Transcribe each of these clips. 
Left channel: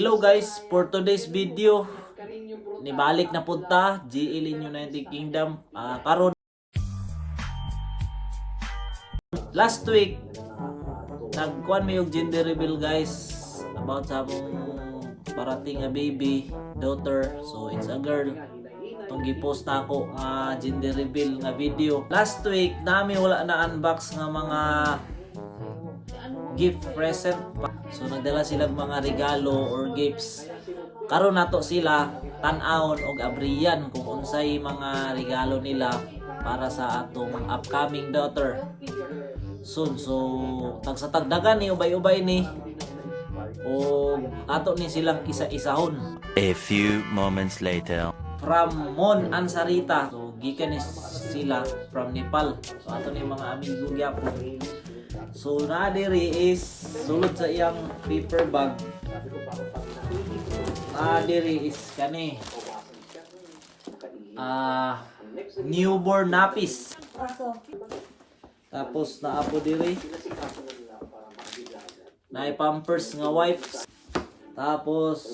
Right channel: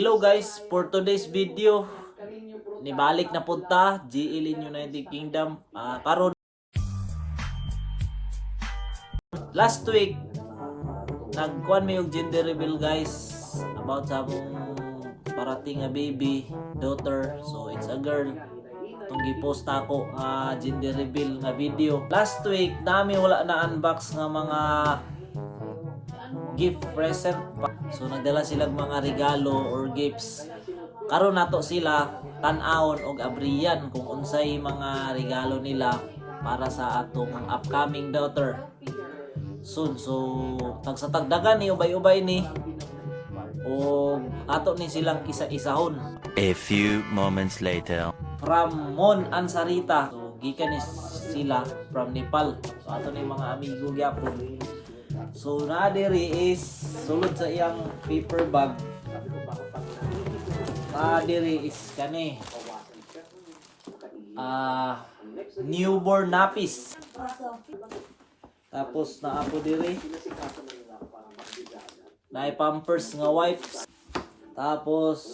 Hello guys, for today's video, nibalik na punta GL in United Kingdom. Karon last week nagkuan may og gender reveal guys about sa among parating nga baby daughter. So it's a girl. Itong gipost na ako nga gender reveal nga video. Last week nami wala na unbox nga mga gift present. So nagdala silang mga regalo or gifts. Karon nato sila tan-awon og abriyan kung unsay mga regalo nila para sa atong upcoming daughter. Soon, so tagsatagdagan ni ubay-ubay ni o ato ni silang isa-isahon. A few moments later. From Mon Ansarita. So gikan ni sila from Nepal. So ato ni mga amigo gyapon. So na diri is sulod sa iyang paper bag. Na diri is kani newborn nappies. Tapos naapo diri na pampers nga wipes. Tapos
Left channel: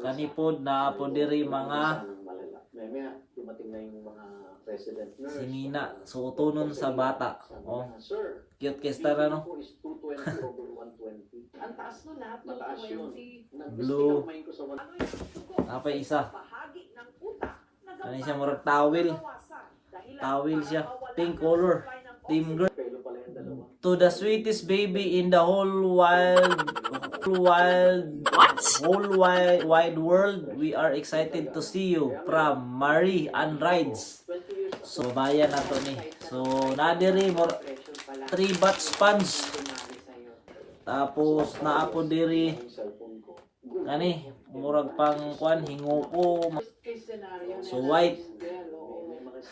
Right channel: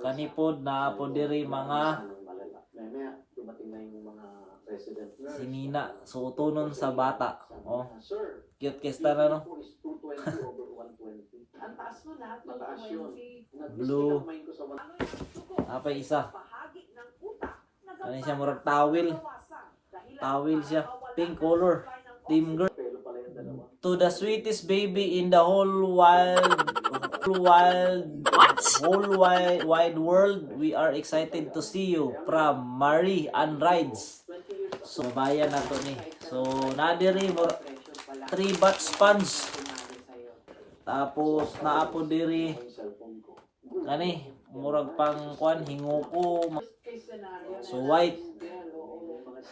kanipod naapo diri mga sinina so utonon sa bata. Oh. Cute kesta na no. Blue. Apa isa? Kani siya murag towel. Towel siya. Pink color. Team girl. To the sweetest baby in the whole wide world, we are excited to see you from Marie and Rides. So bayan na to ni. So nadiri more 3 bath sponge. Tapos naapo diri kani murag pang kuan hinguko. So white.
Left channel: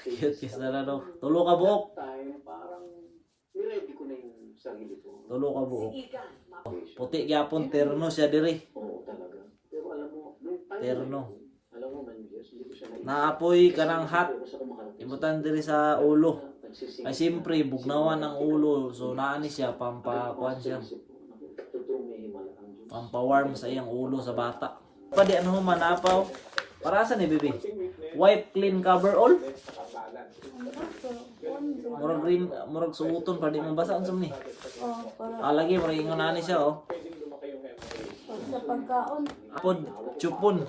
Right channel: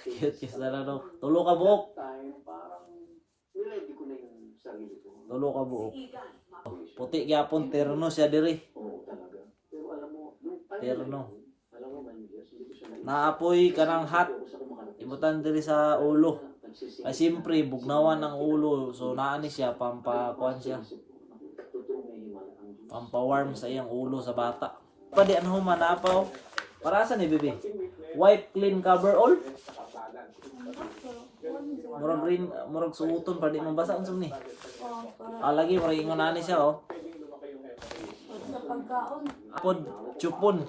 Cute kisa na no. Tulo ka buok. Tulo ka buok. Puti gyapon terno siya diri. Terno. Naapoy kanang hat. Ibutan diri sa ulo. Ay siyempre bugnawan ang ulo. So naani siya pampakuan siya. Pampawarm sa iyang ulo sa bata. Padi ano manapaw. Para sa ni bibi. Wipe clean cover all. Murag green, murag suuton padi mabasa unsam ni. Lagi murag ingon ani siya oh. Apod chupon.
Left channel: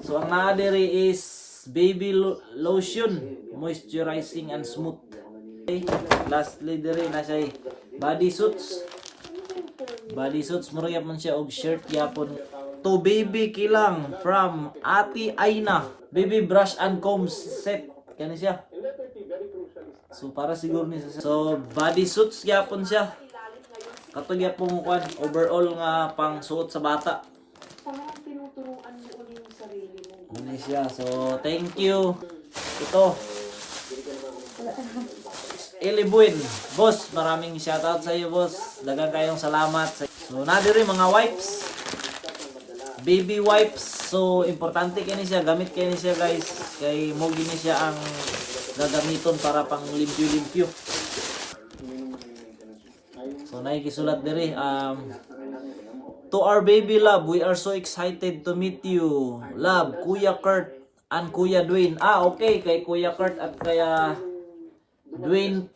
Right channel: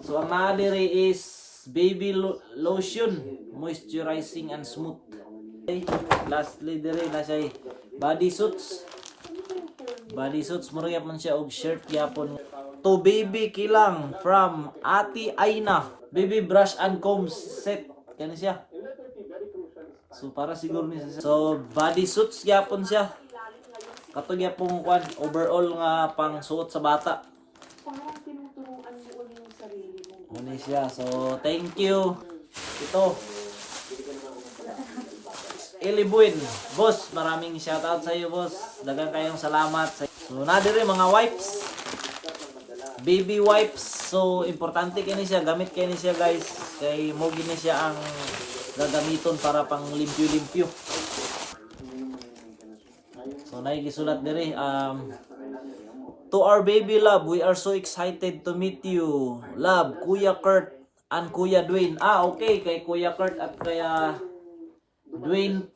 So ang naa diri is baby lotion, moisturizing and smooth. Okay. Lastly diri na siya body suits. Body suits murag yapon siya og shirt yapon. To baby kilang from Ate Aina. Baby brush and comb set. Kani siya. So para siguro ni siya. So body suits yapon siya. Katong yapon kwan overall nga pang suot sa bata. Ano siya. So thank you. Ito. Elibuin. Boss, maraming shoutout sa iyo boss. Daghang kayong salamat. So nadiri mga wipes. Baby wipes. So importante kini siya, gamit kini siya guys. Kay mo gini siya ang gagamiton para pang limpyo-limpyo. So naigisulat diri to our baby love, we are so excited to meet you. Love, Kuya Kurt and Kuya Dwayne. Okay, kay Kuya Kurt at kaya Dwayne,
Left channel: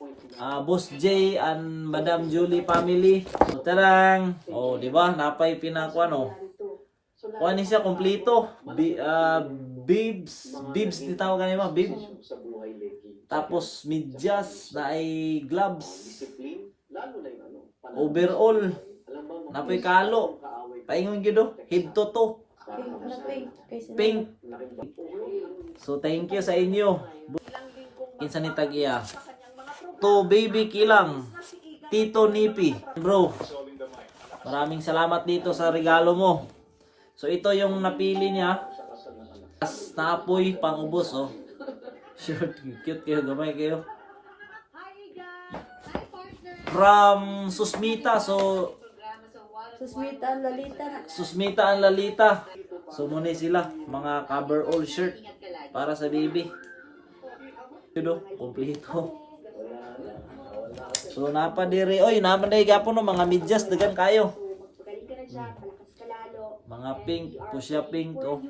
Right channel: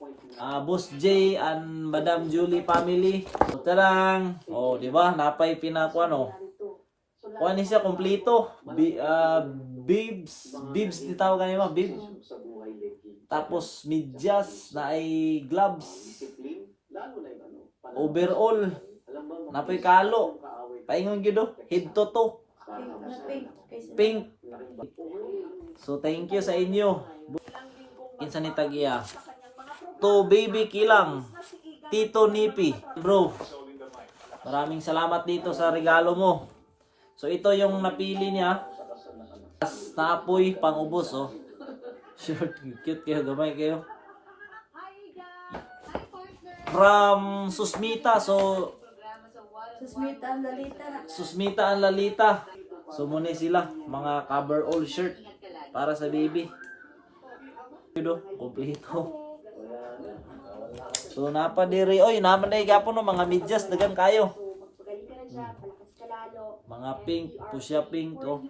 Boss J and Madam Julie family. So tarang, oh, di ba? Napay pinakuan oh. Kuan ni siya kompleto. Bibs di tawag kanimo, bib. Tapos medyas na ay gloves. Overall. Napay kalo. Paingon gyud do, head to toe. Pink. So thank you sa inyo. Kinsa ni tagiya? To baby kilang. Tito Nipi. Bro. Maraming salamat dito sa regalo mo. So ito yung napili niya. Naapoy pang-ubos oh. Short, cute kayo, gamay kayo. From Susmita. So Susmita ang Lalita. So muna sila mga cover all shirt para sa baby. Ito, kompleto. So napa diri oy naman day gyapon no mga medyas dagan kayo. Mga pink, pusya pink, oh.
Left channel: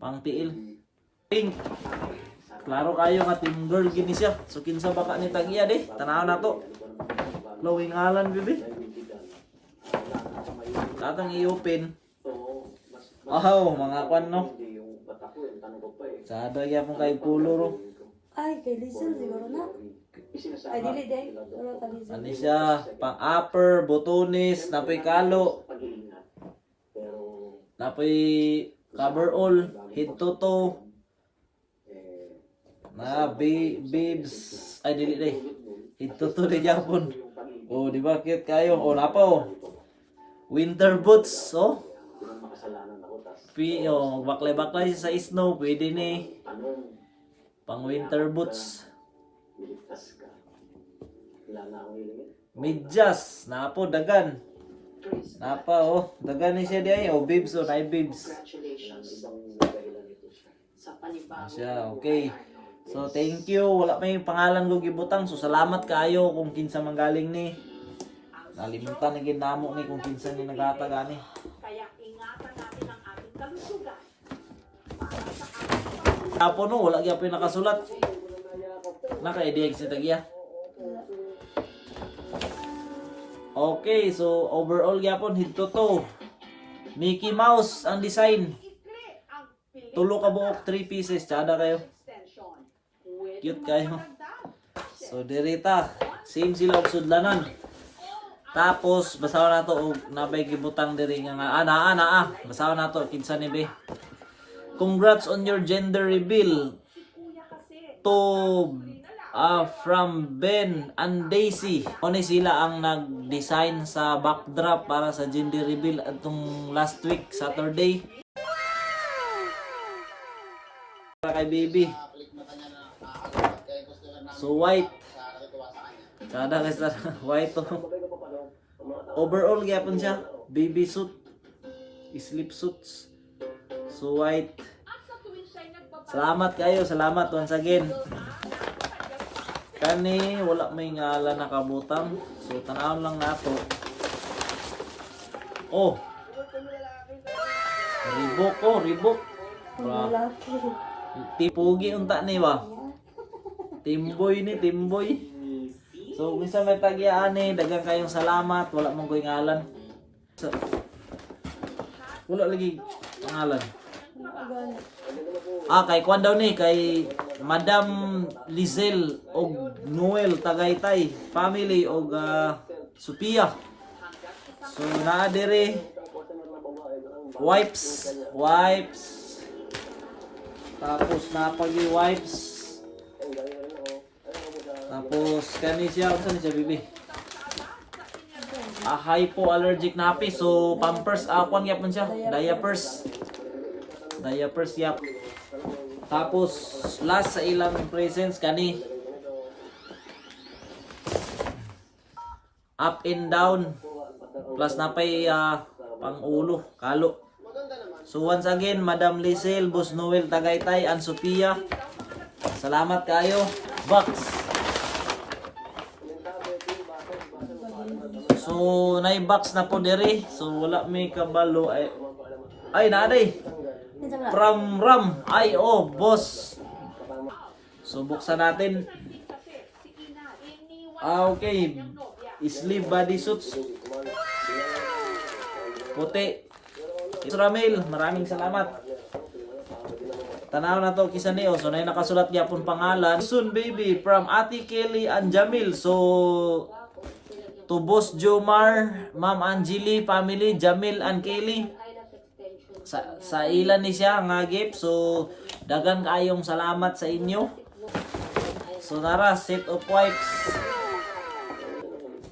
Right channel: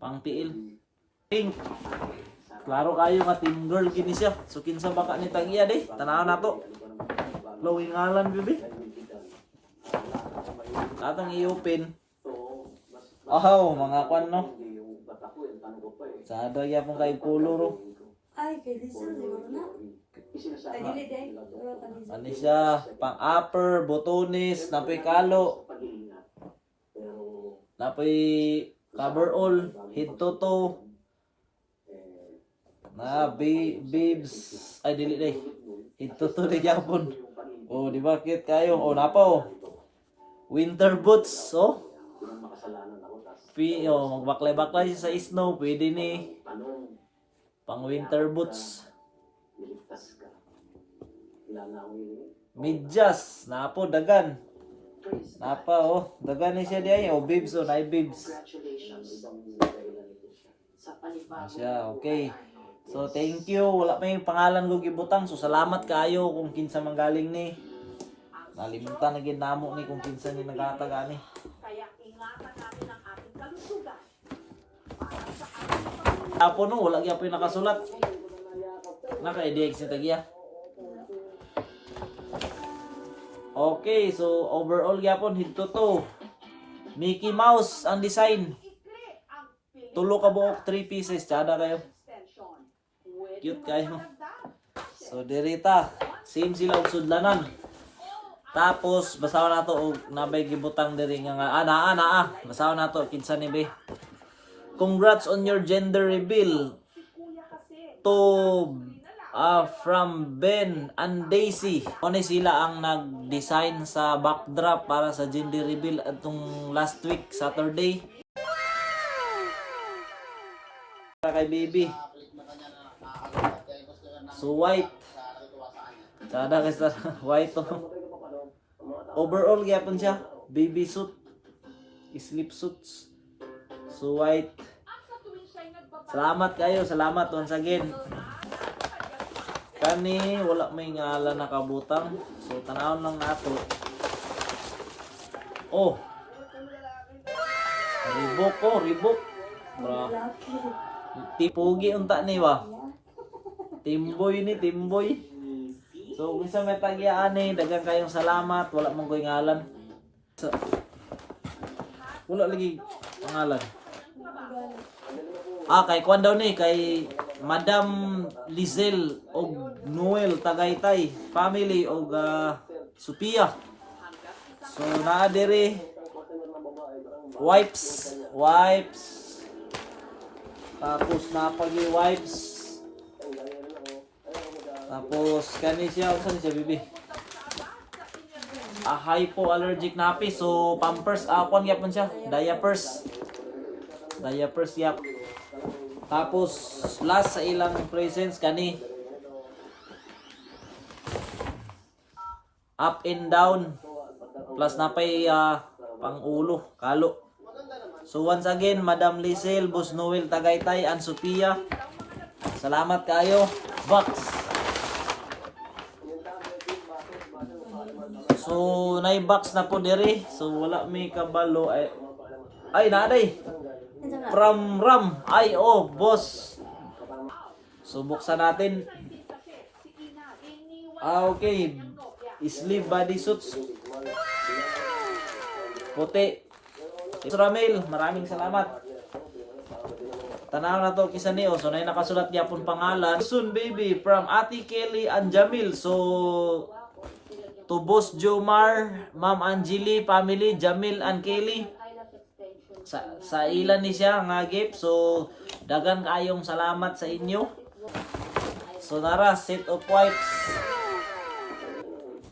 Pang tiil. Pink. Klaro kayo nga team girl gini siya. So kinsa baka ni tagiya de. Tanaw na to. Glowing ngalan bibi. Atong i-open. Oh, mga kwan no. Sada ya pong kay color oh. Ay, kay Lisa siguro na. Ay, dili day. Wala ka Lisa. Ano siya? Pang upper, botones, napoy kalo. Napoy coverall, head to toe. Na babes. Ay dili day. Head to toe di Japon. Oh, di ba cute kayo? Oh, napa oh. Winter boots, oh. Magbaklay-baklay sa snow, pwede ni. Pang winter boots. Medyas, napo dagan. Napa oh, dagan ni siya diay. Oh, bibs oh, nay bibs. Siya, okay. So thank you. Wala may pangalan ko gibutang. So salamat kaayo kung kinsa manggaling ni. Nalimutan na gid namo ni kung kinsa ni nagatag ani. Apo no, wala gyapon nakasulat. Naka-idea si tagiya. Okay, so overall gyapon head to toe. Mickey Mouse ang design. Tulo ka buok 3 pieces tsada kayo. Cute kayo. So dirita, same sila og sudlanan. Tapos basaw na to og nabay gibutang diri nga naa. Basaw na to kinsa ni be. Congrats on your gender reveal. To from Ben and Daisy. Ano sila ang nag-design sa backdrop para sa gender reveal atong last week, Saturday. Para kay baby. So white. Sada kay sa white to. Overall gyapon siya, baby suit. Sleep suits. So white. Salamat kayo, salamat once again. Kani wala may ngalan nakabutang. So tanawon lang nato. Oh. Reebok. Bra. Tipugi unta ni ba? Timboy. So kung sa may tagyaan ni, dagang kayong salamat, wala mong koy ngalan. So, wala lagi pangalan. Kay kwan daw ni, kay Madam Lizel og Noel Tagaytay family og Sophia. So naa diri wipes. Tapos napagi wipes. Tapos kani siya, unsa ni siya bibi? Hypoallergic napi, so pampers kwan gyapon siya, diapers yap. Tapos last sa ilang presents kani up and down plus napay pang ulo, kalo. So once again, Madam Lizel, Boss Noel Tagaytay, and Sophia, salamat kayo. Box. So box na po diri. So wala may kabalo ay naaday. From Ram. Ay oh, boss. So buksan natin. Okay. Sleeve body suits. Puti. Ramil, maraming salamat. Tanaw na to kisa niyo. So nay nakasulat gyapon pangalan. Soon baby from Ate Kelly and Jamil. So to Boss Jomar, Ma'am Angeli, family, Jamil and Kelly. Sa ilan ni siya nga gift. So dagan kayong salamat sa inyo. So nara set of wipes.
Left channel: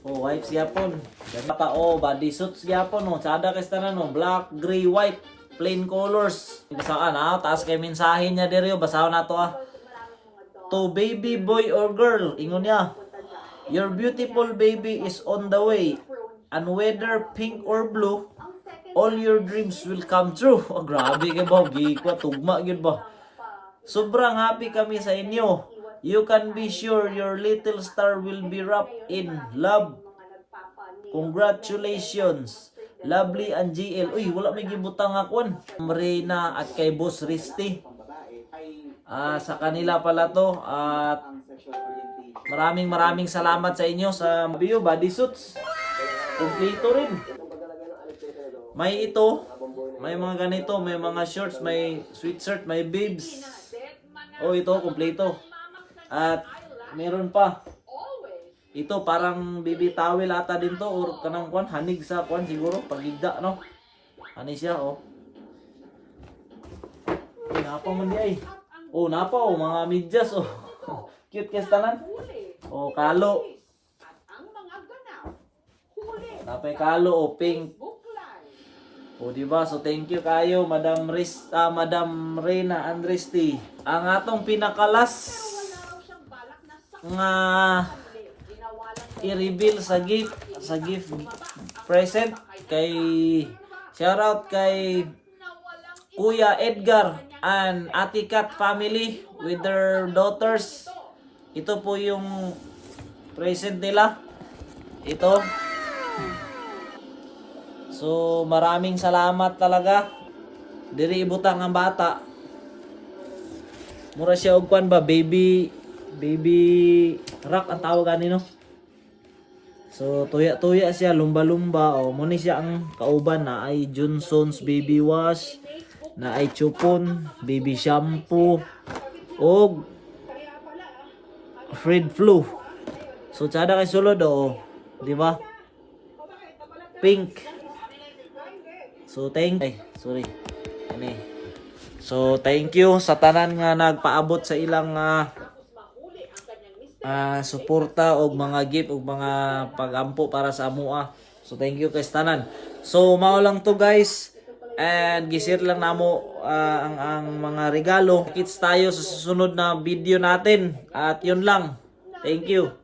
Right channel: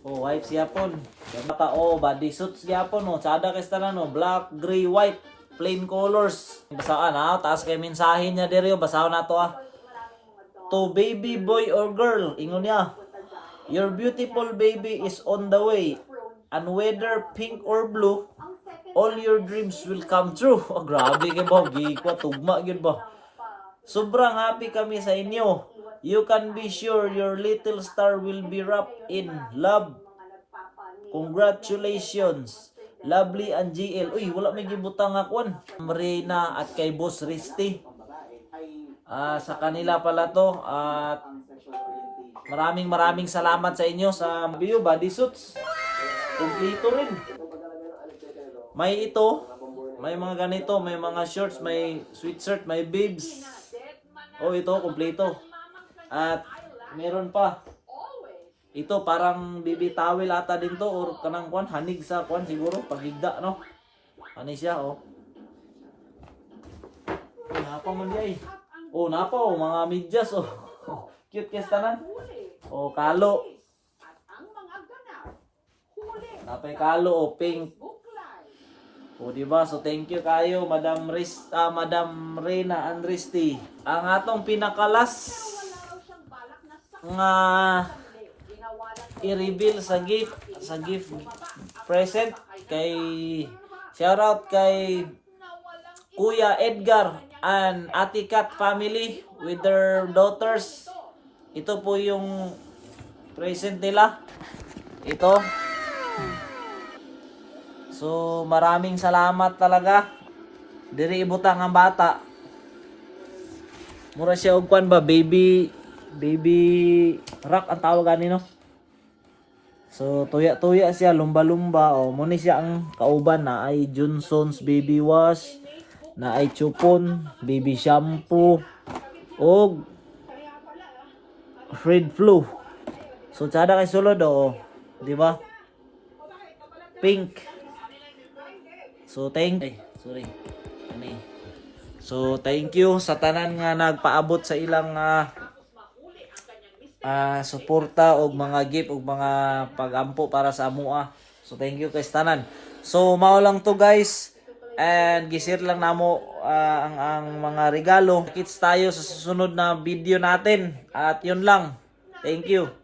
Oh, wipes gyapon. Dama pa body suits gyapon oh. Sada kay tanan no, black, gray, white, plain colors. Basaan taas kay mensahe niya diri basahon nato To baby boy or girl, ingon niya. Your beautiful baby is on the way. And whether pink or blue, all your dreams will come true. Oh, grabe kay ba, gikwa tugma gyud ba. Sobrang happy kami sa inyo. You can be sure your little star will be wrapped in love. Congratulations. Lovely and GL. Uy, wala may gibutang akon. Reyna at kay Boss Risty. Sa kanila pala to. At maraming salamat sa inyo sa bio body suits. Kumpleto rin. May ito. May mga ganito. May mga shorts. May sweatshirt. May bibs. Oh, ito. Kumpleto. At meron pa. Ito parang baby towel ata din to or kanang kwan hanig sa kwan siguro pagigda no. Ani siya oh. Napa man di ay. Oh napa oh mga medyas oh. Cute kes tanan. Oh kalo. Napay kalo oh pink. Oh di ba? So thank you kayo Madam Madam Reyna Andresti. Ang atong pinakalas nga i-reveal sa gift present kay shoutout kay Kuya Edgar and Ate Kat family with their daughters. Ito po yung present nila. Ito. So maraming salamat talaga. Diri ibutang ang bata. Mura siya og kwan ba baby rock ang tawag kanino. So tuya-tuya siya lumba-lumba oh mo ni siya ang kauban na ay Johnson's baby wash, na ay Chupon baby shampoo og Fred Flu. So tsada kay sulod oh, di ba? Pink. So thank you sa tanan nga nagpaabot sa ilang suporta og mga gift og mga pagampo para sa amua. So thank you kay tanan. So mao lang to guys. And gisir lang namo ang mga regalo. Kits tayo sa susunod na video natin. At yun lang. Thank you.